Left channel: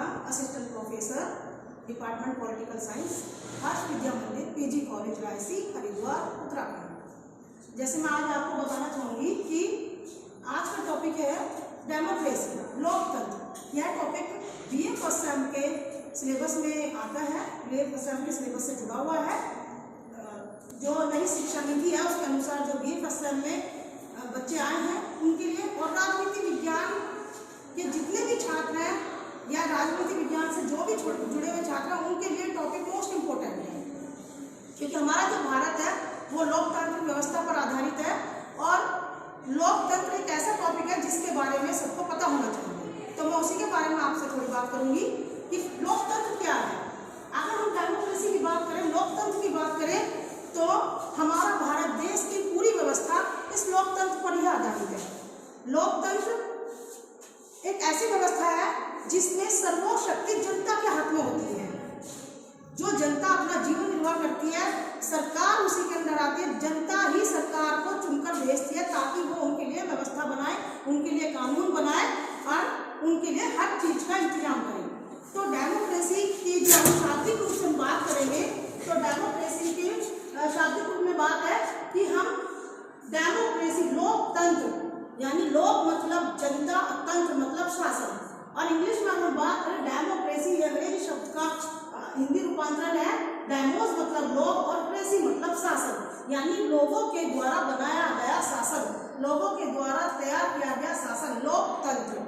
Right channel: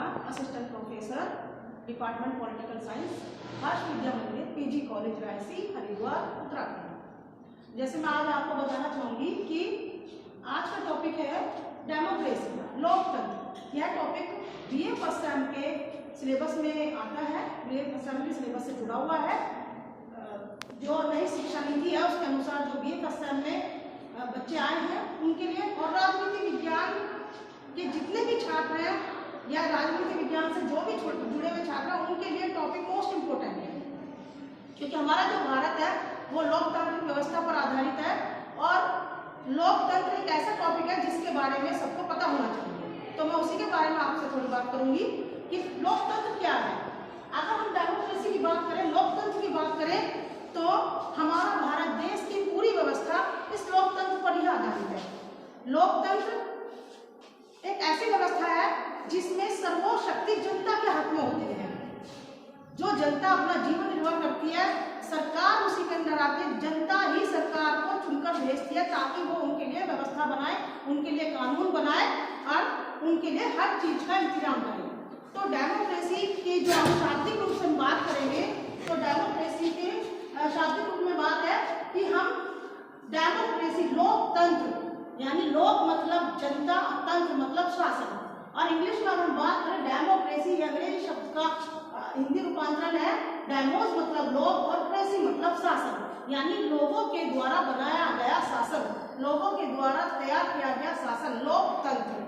Mehta, assistant professor, department political science, Harsh Vidya Mandir, PG college Raisi, Haridwar, Uttarakhand. जैसे मैं आज आपको बताना चाहूँगी कि आज का टॉपिक है डेमोक्रेसी, लोकतंत्र। यह टॉपिक बीए फर्स्ट सेम के सिलेबस में आता है, बीए फर्स्ट सेम के सिलेबस से जुड़ा हुआ है। जो नई शिक्षा नीति है उसके अनुसार जो बीए फर्स्ट सेम में बच्चे आए हैं उनके लिए, और राजनीति विज्ञान के जितने भी छात्र हैं या राजनीति विज्ञान से जो भी जुड़े हुए छात्र हैं उनके लिए टॉपिक मोस्ट इम्पोर्टेंट है, क्योंकि हमारा जो भारत है वो लोकतांत्रिक व्यवस्था पर आधारित है और लोकतंत्र एक ऐसा टॉपिक है जिसके बारे में सबको पता होना चाहिए। तो मैं उसी के बारे में आपसे थोड़ी बात करूंगी कि लोकतंत्र क्या है। अगर हम डेमोक्रेसी की बात करें, लोकतंत्र की बात करें, तो हमारा भारत देश की पूरी व्यवस्था इस लोकतंत्र पर ही आधारित है। लोकतंत्र एक ऐसी व्यवस्था है जिसमें सर्वोच्च शक्ति जनता के हाथ में होती है। जो जनता अपना जीवन निर्वाह करती है, सरकार उसी के अंदर आती है। जनता ही सरकार को चुनकर भेजती है ताकि वो उनके लिए व्यवस्था बनाए, उनके लिए कानून बनाए और उनके लिए हर चीज का इंतजाम करे। तो डेमोक्रेसी की जो हम शाब्दिक रूप से बात करेंगे, तो डेमोक्रेसी की शाब्दिक रूप में बात है कि हम डेमोक्रेसी, लोकतंत्र, यानी लोक मतलब जनता, तंत्र मतलब शासन, और इंग्लिश में हम बात करें डेमोक्रेसी, अंग्रेजी शब्द का हिंदी रूपांतरण है डेमोस मतलब लोक और क्रेसी मतलब शासन, यानी लोगों के द्वारा बनाया गया शासन, लोगों के द्वारा तैयार किया गया शासन, लोकतंत्र।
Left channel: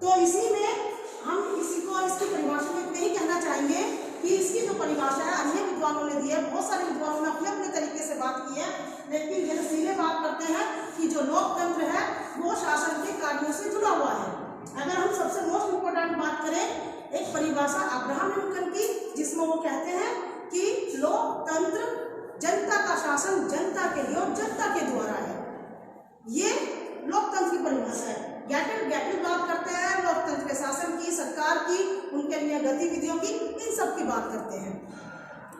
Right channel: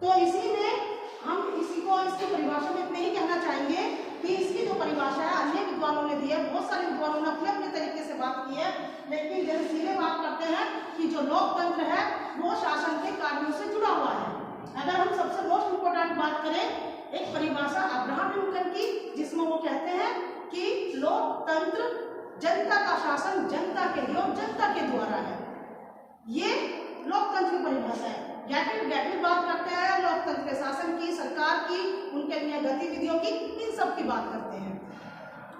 तो इसी में हम इसकी परिभाषा में इतना ही कहना चाहेंगे कि इसकी जो परिभाषा है अन्य विद्वानों ने दी है, बहुत सारे विद्वानों ने अपने अपने तरीके से बात की है, लेकिन जैसे सीधे बात करते हैं कि जो लोकतंत्र है वो शासन के कार्यों से जुड़ा हुआ है। अगर हम सबसे मोस्ट इम्पोर्टेंट बात करें, एक परिभाषा अब्राहम लिंकन की, जिसमें वो कहते हैं कि लोकतंत्र जनता का शासन जनता के लिए और जनता के द्वारा है। ये लोकतंत्र की परिभाषा है। गैटिल बात करते हैं लोकतंत्र के शासन की, सरकार की, उनके लिए गतिविधियों की, इन सब की बात करते हैं।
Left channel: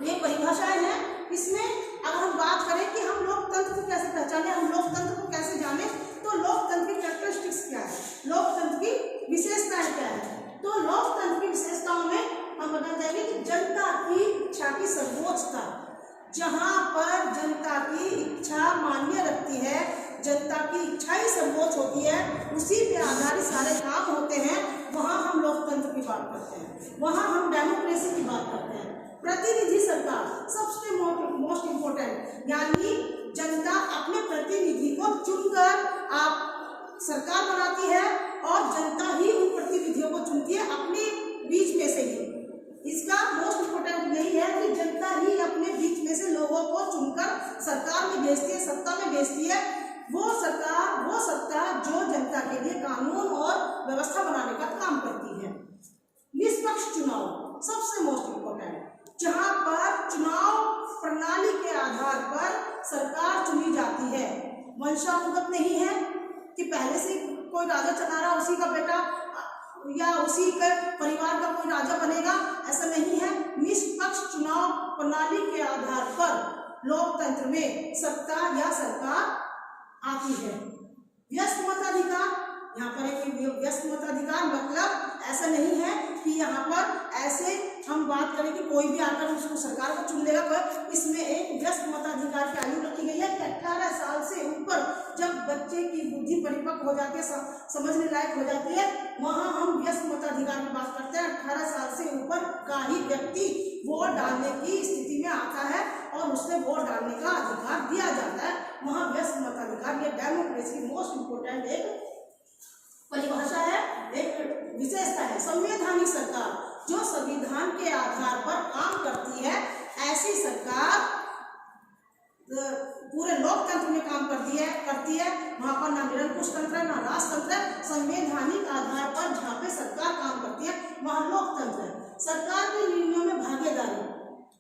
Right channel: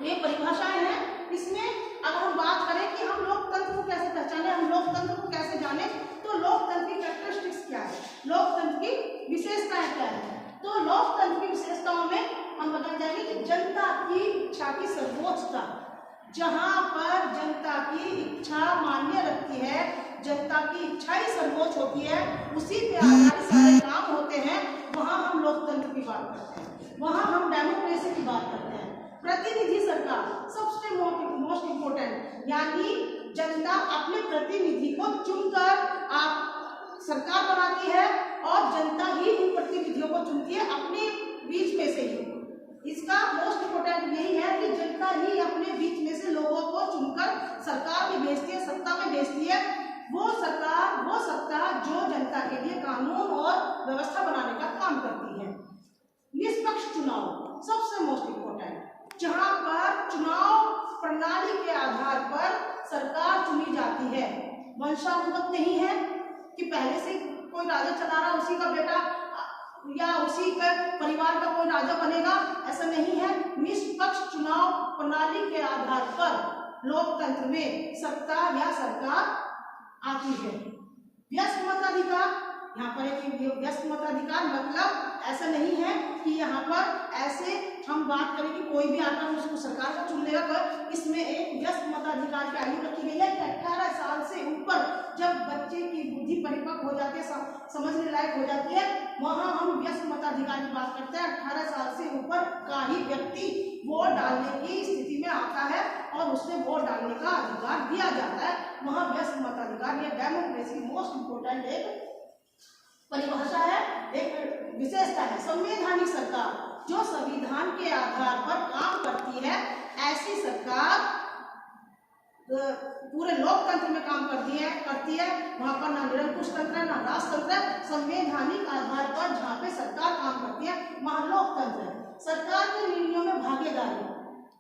ये परिभाषाएं हैं। इसमें अगर हम बात करें कि हम लोकतंत्र को कैसे पहचाने, हम लोकतंत्र को कैसे जाने, तो लोकतंत्र की कैरेक्टरिस्टिक्स क्या है, लोकतंत्र की विशेषताएं क्या है। तो लोकतंत्र की विशेषताओं में हम बता देंगे कि जनता की इच्छा की सर्वोच्चता, जहां पर जनता की इच्छा मान्य रखती है, जनता की इच्छा ही सर्वोच्च होती है, उसी पे आधारित सारे काम होते हैं, वहां हम लोकतंत्र की बात करते हैं, वहां हम डेमोक्रेसी की बात करते हैं। प्रतिनिधि सरकार सबसे मोस्ट इम्पोर्टेंट, यानी जनता अपने प्रतिनिधि को चुनकर आप सरकार बनाती है और जनता ही उन प्रतिनिधियों को चुनती है अपने बीच में से ही। इसका मोस्ट इम्पोर्टेंट यही है कि जनता ही अपने बीच में से लोगों को चुनकर सरकार में भेजती है, सत्ता में भेजती है। वो सरकार, वो सत्ता जो जनता के लिए कानून और व्यवस्था बनाने का काम करती है। निष्पक्ष चुनाव सबसे मोस्ट इम्पोर्टेंट, जहां पर चुनाव प्रणाली के आधार पर सरकार चुनी जाती है। वंशानुगत नहीं है कि पहले से कोई राजा चला रहा, उसी का बेटा या उसी के परिवार का कोई राजा बनेगा, ऐसा नहीं है। निष्पक्ष चुनाव प्रणाली के आधार पर लोकतंत्र में सत्ता या सरकार आती है। व्यस्त मताधिकार, यहाँ पर एक व्यस्त मताधिकार मतलब ऐसा नहीं है कि यहाँ पर ऐसे हम बात करें कि कोई भी आकर उसको सरकार को चुन लेगा, तो इसमें एक व्यस्त मताधिकार की आयु रखी गई है कि 18 साल से ऊपर जब बच्चे की बुद्धि परिपक्व हो जाती है, समझने लायक हो जाती है, वहाँ हम व्यस्त मताधिकार की बात करते हैं। 18 साल से ऊपर का ही व्यक्ति वोट डालने की स्थिति में आता है और उसमें वोट डालने का अधिकार दिया जाता है, वहाँ व्यस्त मताधिकार। ये डेमोक्रेसी की मोस्ट इम्पोर्टेंट एक परिभाषा है, एक विशेषता है। संवैधानिक सरकार जो संविधान के आधार पर काम करती है, ऐसी सरकार पूरे लोकतंत्र में काम करती है। वहां पर ना निरंकुश तंत्र ना राजतंत्र, संवैधानिक आधार पर जहाँ पे सरकार काम करती है वहां लोकतंत्र है। सरकार के निर्णयों में भागीदारी,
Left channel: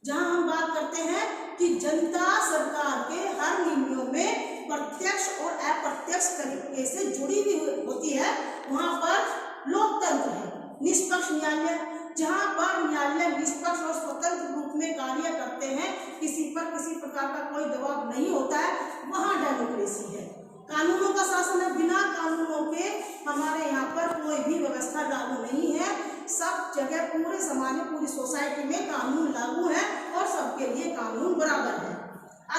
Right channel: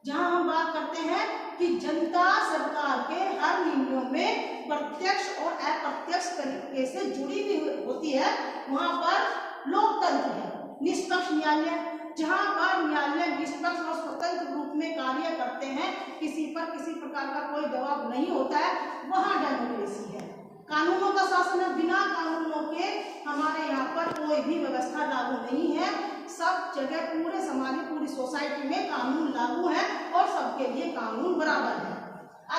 जहां हम बात करते हैं कि जनता सरकार के हर निर्णयों में प्रत्यक्ष और अप्रत्यक्ष तरीके से जुड़ी हुई होती है, वहां पर लोकतंत्र है। निष्पक्ष न्यायालय, जहां पर न्यायालय निष्पक्ष और स्वतंत्र रूप में कार्य करते हैं, किसी पर किसी प्रकार का कोई दबाव नहीं होता है, वहां डेमोक्रेसी है। कानूनों का शासन है, बिना कानूनों के हमारे यहाँ पर कोई भी व्यवस्था लागू नहीं है। सब पूरे समाज में, पूरी सोसाइटी में कानून लागू है और सबके लिए कानून बराबर है।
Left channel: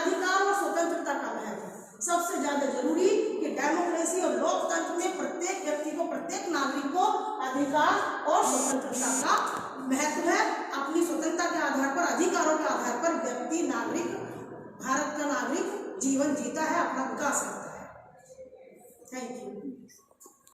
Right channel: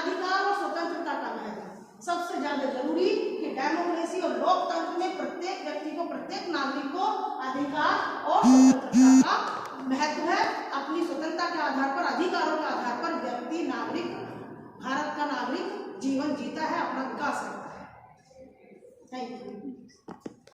अधिकार और स्वतंत्रता का महत्व सबसे ज्यादा जरूरी कि डेमोक्रेसी और लोकतंत्र में प्रत्येक व्यक्ति को, प्रत्येक नागरिक को अधिकार और स्वतंत्रता का महत्व है। अपनी स्वतंत्रता के आधार पर, अधिकारों के आधार पर व्यक्ति, नागरिक, भारत का नागरिक जीवन जीता है, अपना विकास करता है। Thank you.